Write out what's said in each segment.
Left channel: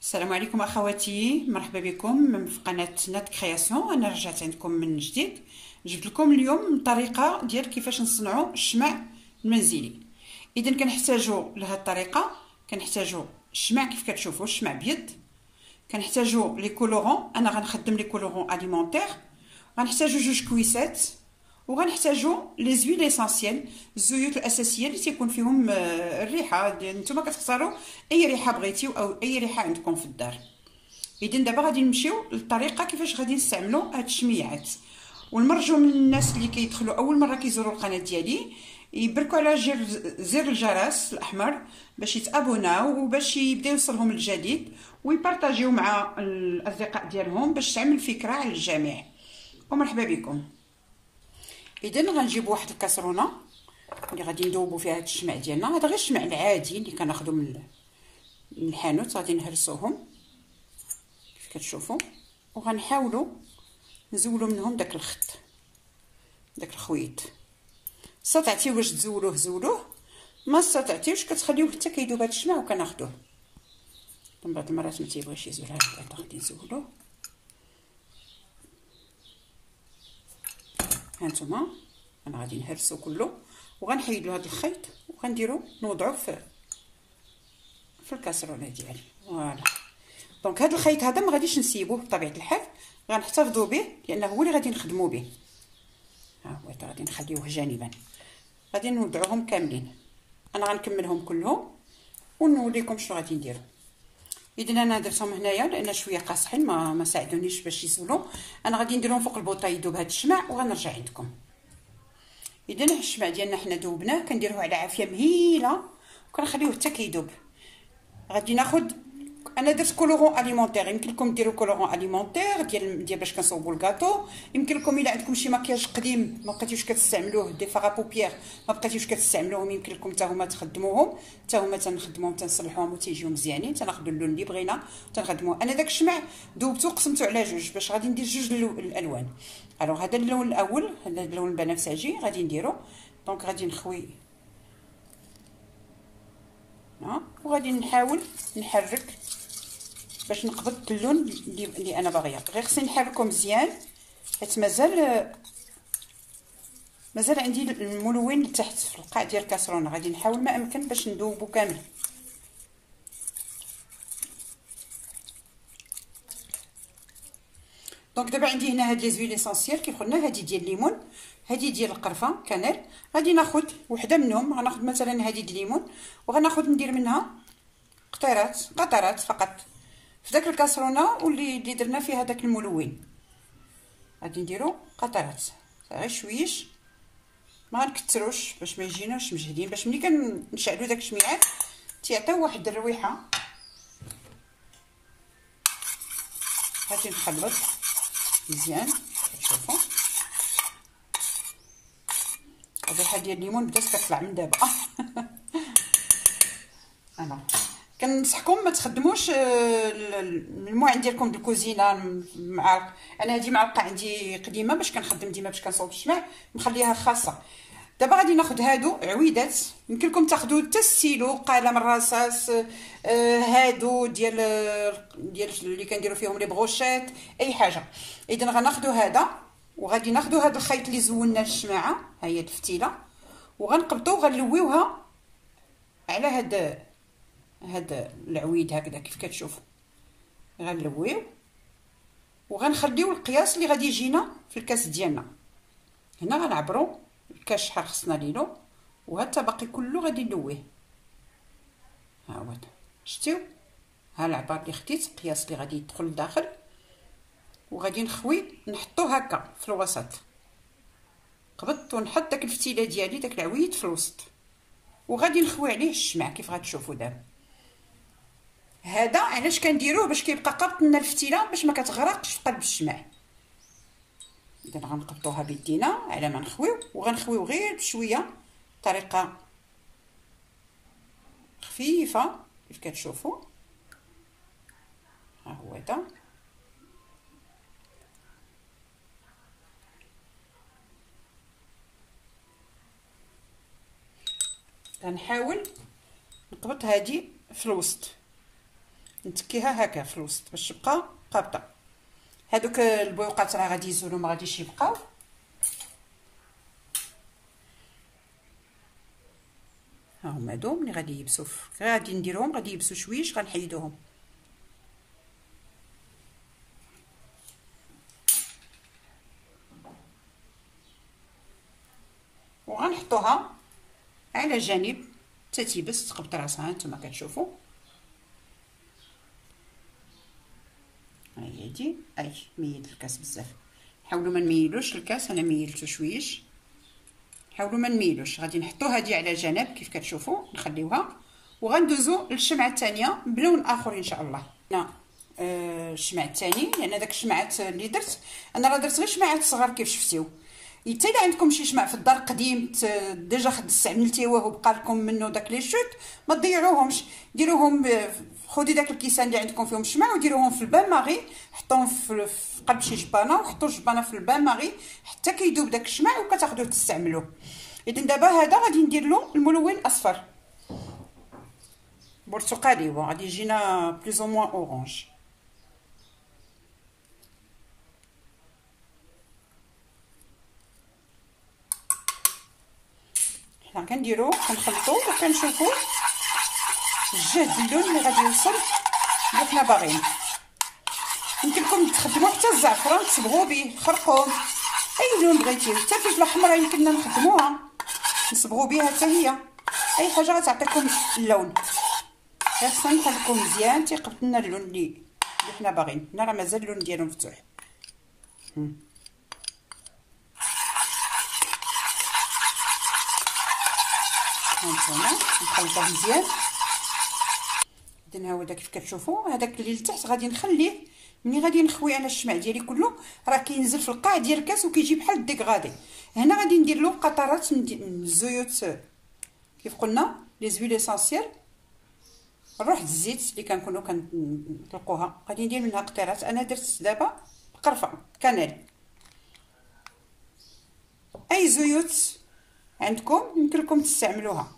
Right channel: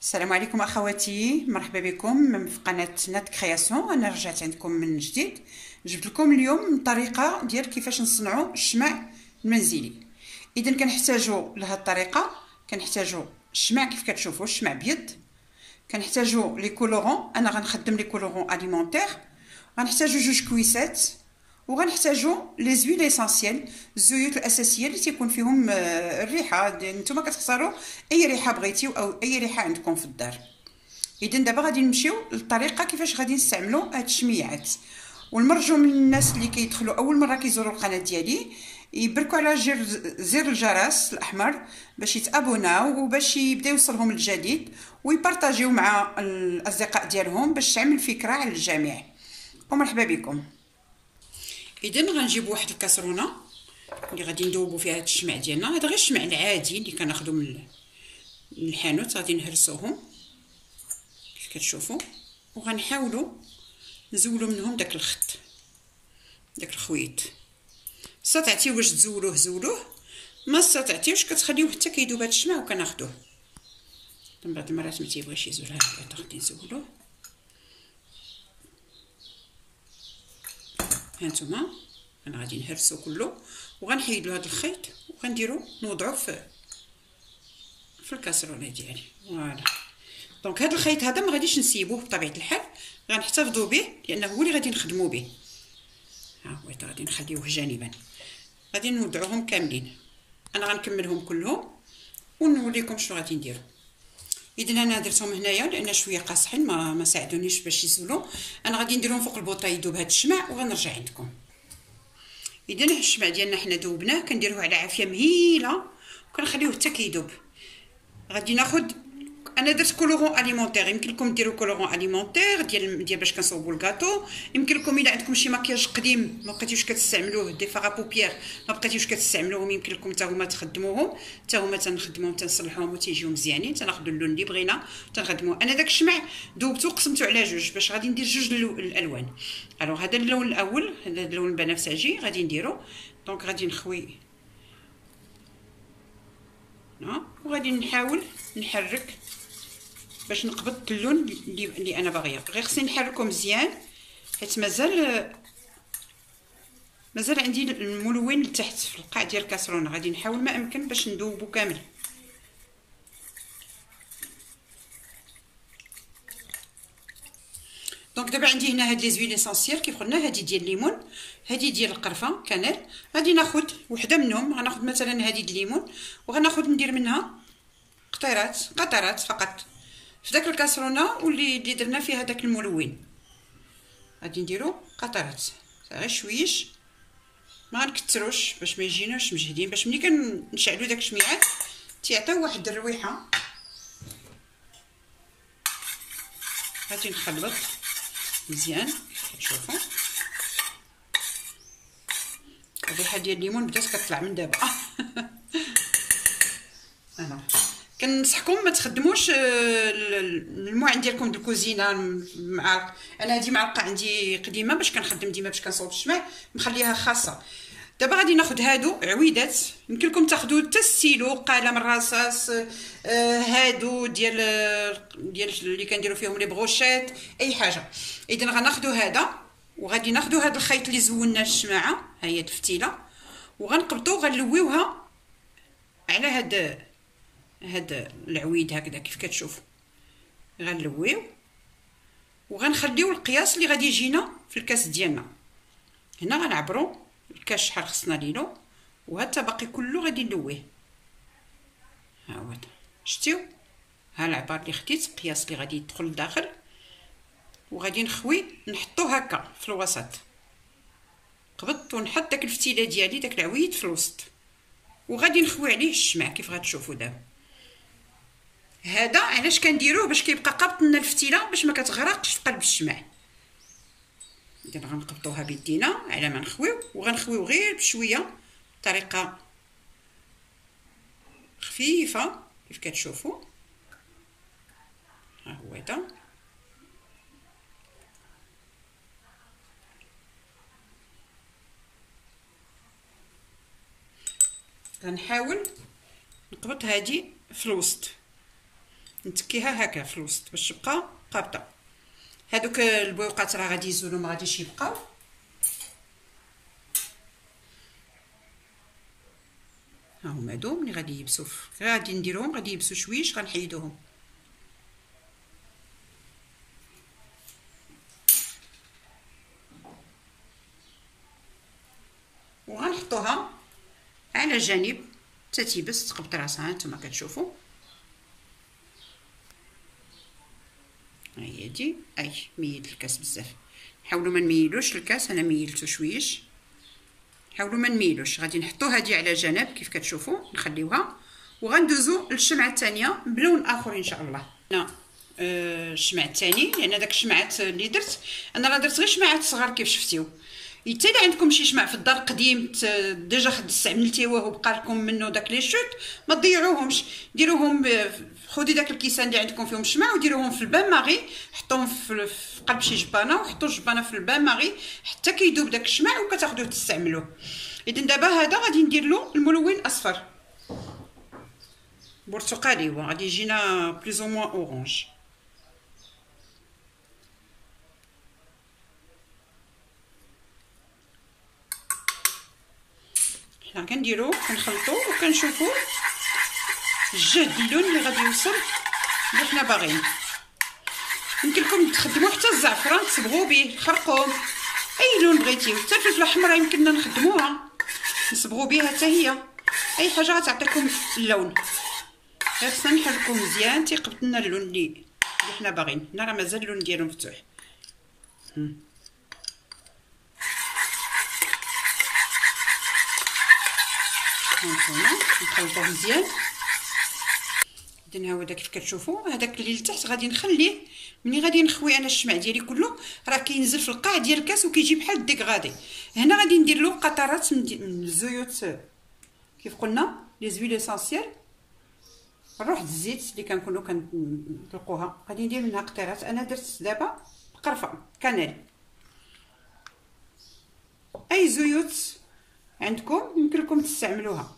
السلام عليكم اخواتي، مرحبا بكم في قناه نات كرياسيون. انا رجعت عندكم من جديد، جبت لكم اليوم الطريقه ديال كيفاش نصنعوا الشمع المنزلي. اذا كنحتاجوا لهذه الطريقه، كنحتاجوا الشمع كيف كتشوفوا، الشمع ابيض. كنحتاجوا لي كولورون، انا غنخدم لي كولورون اليمونتير. غنحتاجوا جوج كويسات، وغنحتاجوا لي زويل اسانسييل، الزيوت الاساسيه اللي تيكون فيهم الريحه ديال نتوما كتختاروا اي ريحه بغيتيو او اي ريحه عندكم في الدار. اذا دابا غادي نمشيو للطريقه كيفاش غادي نستعملوا هاد الشميعات. والمرجو من الناس اللي كيدخلوا اول مره كيزوروا القناه ديالي يبركوا على زر الجرس الاحمر باش يتابوناو وباش يبدا يوصلهم الجديد، ويبارطاجيو مع الاصدقاء ديالهم باش تعمل فكره على الجميع. ومرحبا بكم. اذا غنجيب واحد الكاسرونه اللي غادي ندوبوا فيها هاد الشمع ديالنا. هذا غير الشمع العادي اللي كناخذو من الحانوت، غادي نهرسوهم كيف كتشوفوا، وغنحاولوا نزولوا منهم داك الخط، داك الخويط. استطعتي واش تزولوه زولوه، ما استطعتيوش كتخليوه حتى كيذوب هاد الشمع وكناخذوه. من بعض المرات ما تيبغيش يزول، هكا غادي نزولوه. هانتوما انا غادي نهرسو كله وغنحيدلو هاد الخيط وغنديرو نوضعو في الكاسرونه ديالي. فوالا. دونك هاد الخيط هذا ما غاديش نسيبوه بطبيعه الحال، غنحتفظوا به لانه هو اللي غادي نخدموا به. ها هو غادي نخليوه جانبا، غادي نوضعوهم كاملين. انا غنكملهم كلهم ونوريكم شنو غادي نديرو. اذا انا درتهم هنايا لان شويه قاصحين ما ساعدونيش باش يزولوا. انا غادي نديرهم فوق البوطه يذوب هاد الشمع وغنرجع عندكم. اذا الشمع ديالنا حنا ذوبناه، كنديروه على عافيه مهيله وكنخليوه حتى كيذوب. غادي ناخذ، انا درت كولورون اليمونتير، يمكن لكم ديروا كولورون اليمونتير ديال باش كنصوبوا الكاطو. يمكن لكم الا عندكم شي مكياج قديم ما بقيتيوش كتستعملوه، دي فاغا بوبيير ما بقيتيوش كتستعملوهم، يمكن لكم حتى هما تخدموهم، حتى هما تنخدموهم تنصلحوهم وتيجيو مزيانين. تناخذوا اللون اللي بغينا تنخدموه. انا داك الشمع ذوبته قسمته على جوج باش غادي ندير جوج الالوان. الوغ هذا اللون الاول، هذا اللون البنفسجي غادي نديرو. دونك غادي نخوي وغادي نحاول نحرك باش نقبض اللون اللي انا باغيه. غير خصني نحركو مزيان حيت مازال عندي الملون لتحت في القاع ديال الكاسرونه. غادي نحاول ما امكن باش ندوبو كامل. دونك دابا عندي هنا هاد لي زويل اسونسييل كيف قلنا، هادي ديال الليمون، هادي ديال القرفه كانيل. غادي ناخذ وحده منهم، غناخذ مثلا هادي ديال الليمون وغناخذ ندير منها قطرات فقط في داك الكاسرونه واللي درنا فيها داك الملون. غادي نديرو قطرات غير شويش، ما غنكثروش باش ما يجيناش مجهدين، باش ملي كنشعلو داك الشميعات تيعطيو واحد الرويحه. غادي نخلط مزيان كتشوفوا. الريحه ديال الليمون بدات كتطلع من دابا. انا كنصحكم ما تخدموش المعين ديالكم د الكوزينه مع انا هذه معلقه عندي قديمه باش كنخدم ديما باش كنصوب الشمع، مخليها خاصه. دابا غادي ناخذ هادو عويدات، يمكن لكم تاخذوا حتى ستيلو، قلم الرصاص، هادو ديال اللي كنديروا فيهم لي بروشيت، اي حاجه. اذا غناخذوا هذا وغادي ناخذوا هذا الخيط اللي زولنا الشماعه، ها هي الفتيله، وغنقبطوا غنلويوها على هاد العويد هكذا كيف كتشوفوا. غنلويو وغنخليو القياس اللي غادي يجينا في الكاس ديالنا. هنا غنعبروا الكاس شحال خصنا ليلو، وهذا باقي كله غادي نلويه. ها هو شتيو، ها العبار اللي خديت القياس اللي غادي يدخل لداخل، وغادي نخوي نحطو هكا في الوسط. قبضت ونحط داك الفتيله ديالي داك العويد في الوسط، وغادي نخوي عليه الشمع كيف غتشوفوا دابا. هذا علاش كنديروه؟ باش كيبقى قابط لنا الفتيله باش ما كتغرقش في قلب الشمع. اذا غنقبطوها بيدينا على ما نخويو، وغنخويو غير بشويه بطريقه خفيفه كيف كتشوفوا. ها هو هذا. غنحاول نقبط هادي في الوسط نتكيها هكا في الوسط باش تبقى قابطه. هادوك البويقات راه غادي يزولوا ما غاديش يبقاو. ها هما هادو ملي غادي يبسوا غادي نديروهم، غادي يبسوا شويش غنحيدوهم. وغنحطوها على جانب حتى تيبس تقبط راسها. نتوما كتشوفوا ها هي دي. اي ميد الكاس بزاف، حاولوا ما نميلوش الكاس، انا ميلتو شويش، حاولوا ما نميلوش. غادي نحطو هذه على جنب كيف كتشوفوا، نخليوها وغندوزو للشمعه الثانيه بلون اخر ان شاء الله. هنا الشمع الثاني، لان داك الشمعات اللي درت انا راه درت غير شمعات صغار كيف شفتيو. حتى الا عندكم شي شمع في الدار قديم ديجا استعملتيوه وبقى لكم منه داك لي شوت، ما تضيعوهمش، ديروهم خدي داك الكيسان اللي عندكم فيهم الشمع وديروهم في البان ماغي، حطوهم في قلب شي جبانه وحطوا الجبانه في البان ماغي حتى كيذوب داك الشمع وكتاخذوه تستعملوه. اذا دابا هذا غادي ندير له الملون اصفر برتقالي وغادي يجينا بليز او موان اورانج. حنا كنديرو كنخلطو وكنشوفو الجهد اللون اللي غادي يوصل اللي حنا باغيين. يمكن لكم تخدموا حتى الزعفران تصبغوا به، الخرقوم، اي لون بغيتيو، حتى الفلفله الحمراء يمكننا نخدموها نصبغوا بها حتى هي، اي حاجه غتعطيكم اللون. غير خصنا نحركو مزيان تيقبط لنا اللون اللي حنا باغيين. هنا راه مازال اللون ديالو مفتوح. هانتوما نخلطوه مزيان. اذا ها هو داك كيف كتشوفوا، هذاك اللي لتحت غادي نخليه ملي غادي نخوي انا الشمع ديالي كله راه كينزل في القاع ديال الكاس وكيجي بحال الديكغادي. هنا غادي ندير له قطرات من الزيوت كيف قلنا لي زويل اسونسيال، نروح الزيت اللي كنكونوا كنطلقوها غادي ندير منها قطرات. انا درت دابا قرفه كانيل، اي زيوت عندكم يمكن لكم تستعملوها.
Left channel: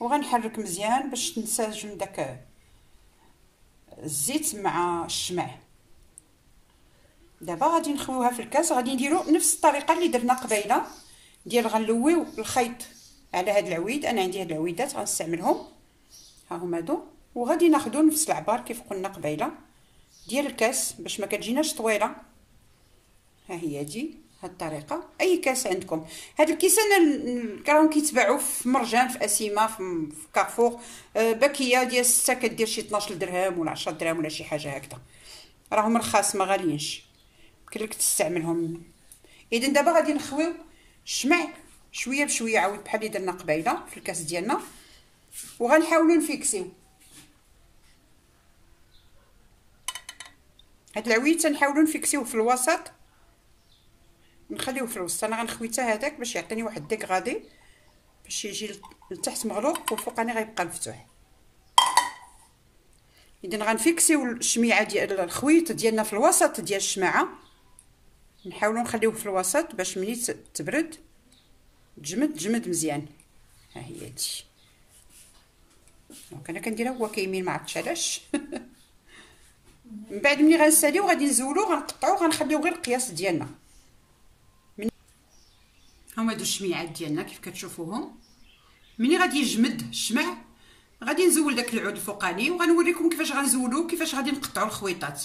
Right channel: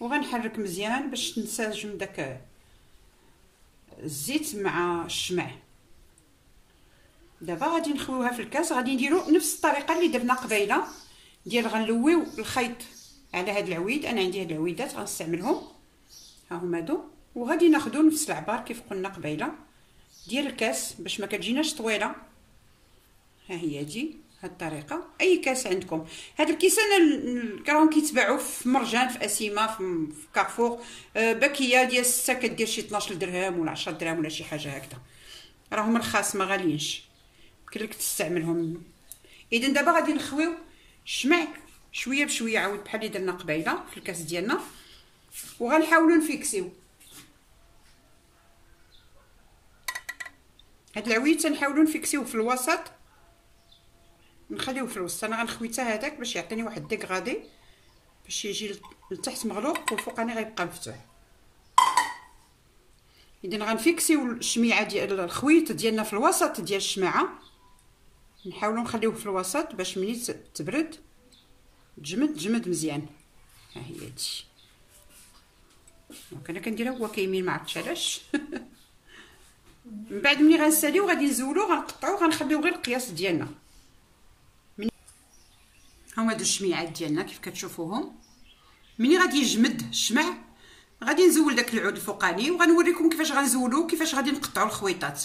وغنحرك مزيان باش تنسجم داك الزيت مع الشمع. دابا غادي نخويوها في الكاس، غادي نديرو نفس الطريقه اللي درنا قبيله ديال غنلويو الخيط على هاد العويد. انا عندي هاد العويدات غنستعملهم، ها هما هادو، وغادي ناخذو نفس العبار كيف قلنا قبيله ديال الكاس باش ما كتجيناش طويله. ها هي هادي هاد الطريقه. اي كاس عندكم، هاد الكيسان راهم كيتباعوا في مرجان، في اسيمه، في كارفور، باكيه ديال 6 كدير شي 12 درهم ولا 10 درهم ولا شي حاجه هكذا، راهم رخاص ما غاليينش، يمكن لك تستعملهم. اذا دابا غادي نخويو الشمع شويه بشويه عاود بحال اللي درنا قبيله في الكاس ديالنا، وغنحاولوا نفيكسيو هاد العويد. تنحاولوا نفيكسيوه في الوسط، نخليوه في الوسط. انا غنخوي حتى هذاك باش يعطيني واحد ديكغادي باش يجي لتحت مغلوق والفوقاني غيبقى مفتوح. اذا غنفيكسيو الشميعه ديال الخويط ديالنا في الوسط ديال الشماعه، نحاولوا نخليوه في الوسط باش ملي تبرد تجمد مزيان. ها هي هادشي دونك انا كنديرها هو كيمين، ما عرفتش علاش. من بعد ملي غنساليو غادي نزولو غنقطعو غنخليو غير القياس ديالنا. هما هادو الشميعات ديالنا كيف كتشوفوهم. ملي غادي يجمد الشمع غادي نزول داك العود الفوقاني وغنوريكم كيفاش غنزولو كيفاش غادي نقطعوا الخويطات.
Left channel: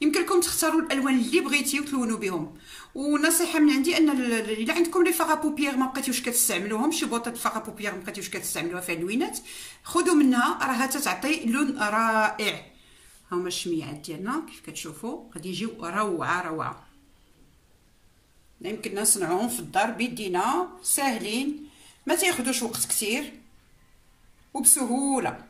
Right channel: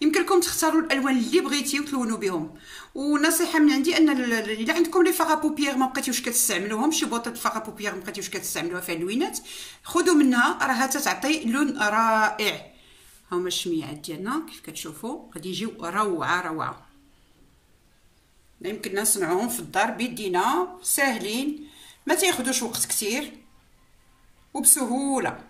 يمكن لكم تختاروا الالوان اللي بغيتيو وتلونوا بهم. ونصيحه من عندي ان الا عندكم لي فاغا بوبيير ما بقيتيوش كتستعملوهم، شي بوطه فاغا بوبيير ما بقيتيوش كتستعملوها فيها اللوينات، خذوا منها راها تعطي لون رائع. هما الشميعات ديالنا كيف كتشوفوا غادي يجيو روعه روعه. يمكننا نصنعوهم في الدار بيدينا، ساهلين ما تاخذوش وقت كثير وبسهوله.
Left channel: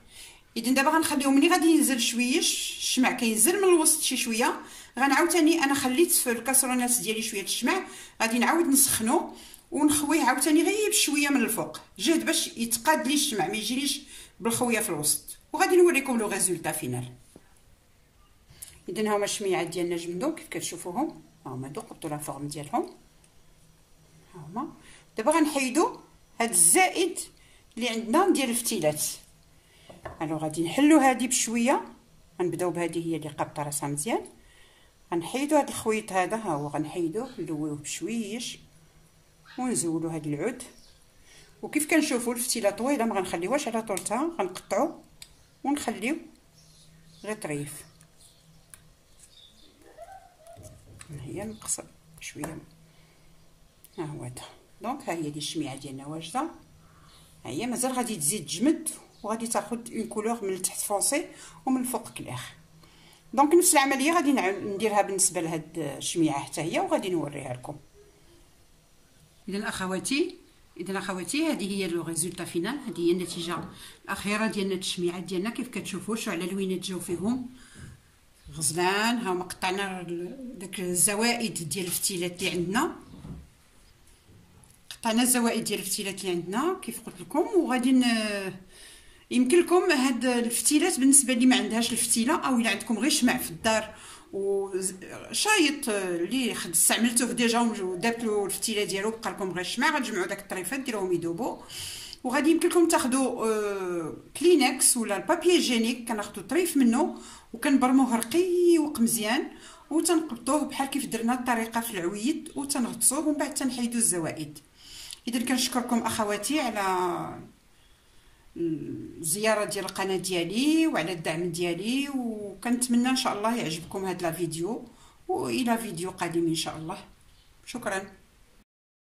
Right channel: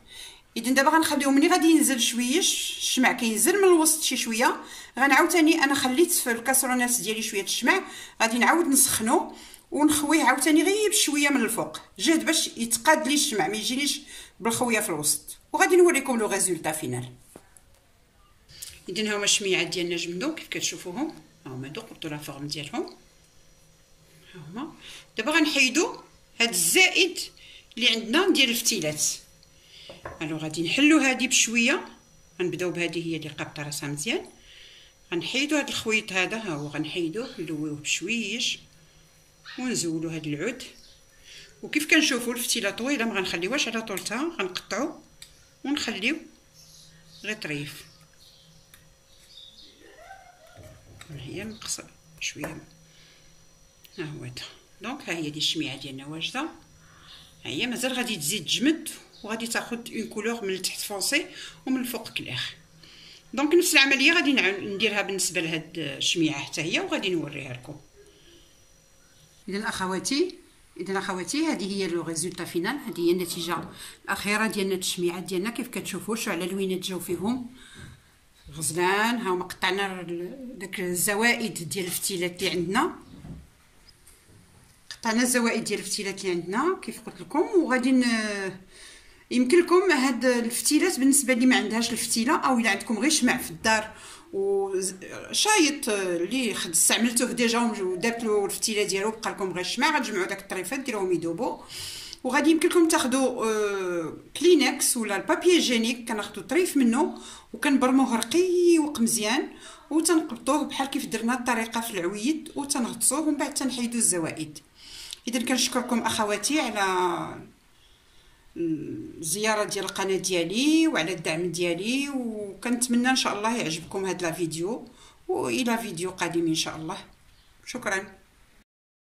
اذا دابا غنخليهم ملي غادي ينزل شويش الشمع كينزل من الوسط شي شويه، غنعاود ثاني انا خليت في الكاسرونات ديالي شويه الشمع، غادي نعاود نسخنو ونخويه عاوتاني غير بشويه من الفوق جهد باش يتقاد لي الشمع ما يجينيش بالخويه في الوسط. وغادي نوريكم لو ريزولطا فينال. اذا هما الشميعات ديالنا جمدوا كيف كتشوفوهم، هما هادو قبطوا لا فورم ديالهم. ها هما دابا غنحيدوا هاد الزائد اللي عندنا ديال الفتيلات. الو غادي نحلو هادي بشويه غنبداو بهذه هي اللي قابطه راسها مزيان. غنحيدو هذا الخويط هذا، ها هو غنحيدوه نلويوه بشويش ونزولو هذا العود. وكيف كنشوفوا الفتيله طويله ما غنخليوهاش على طولتها، غنقطعو ونخليو غير طريف. هي نقص شويه، ها هو هذا. دونك ها هي دي الشميعه ديالنا واجده، ها هي مازال غادي تزيد تجمد وغادي تاخذ اون كولور من التحت فونسي ومن الفوق كلير. دونك نفس العمليه غادي نديرها بالنسبه لهاد الشميعه حتى هي وغادي نوريها لكم. اذا اخواتي هذه هي لو ريزولطا فينال، هذه هي النتيجه الاخيره ديال التشميعات ديالنا. كيف كتشوفوا شو على لوينات جاو فيهم غزلان. ها هما قطعنا داك الزوائد ديال الفتيلات اللي عندنا، قطعنا الزوائد ديال الفتيلات اللي عندنا كيف قلت لكم. وغادي يمكن لكم هاد الفتيلات بالنسبه اللي ما عندهاش الفتيله، او الا عندكم غير شمع في الدار وشايط اللي استعملتوه ديجا ودرت له الفتيله ديالو بقى لكم غير الشمع، غتجمعوا داك الطريفات ديروهم يذوبوا. وغادي يمكن لكم تاخذوا كلينكس ولا البابي جينيك، كناخذوا طريف منه وكنبرموه رقيق مزيان وتنقبطوه بحال كيف درنا الطريقه في العويد وتنغطسوه ومن بعد تنحيدوا الزوائد. اذا كنشكركم اخواتي على الزياره ديال القناه ديالي وعلى الدعم ديالي، وكنتمنى ان شاء الله يعجبكم هذا الفيديو، والى فيديو قادم ان شاء الله. شكرا.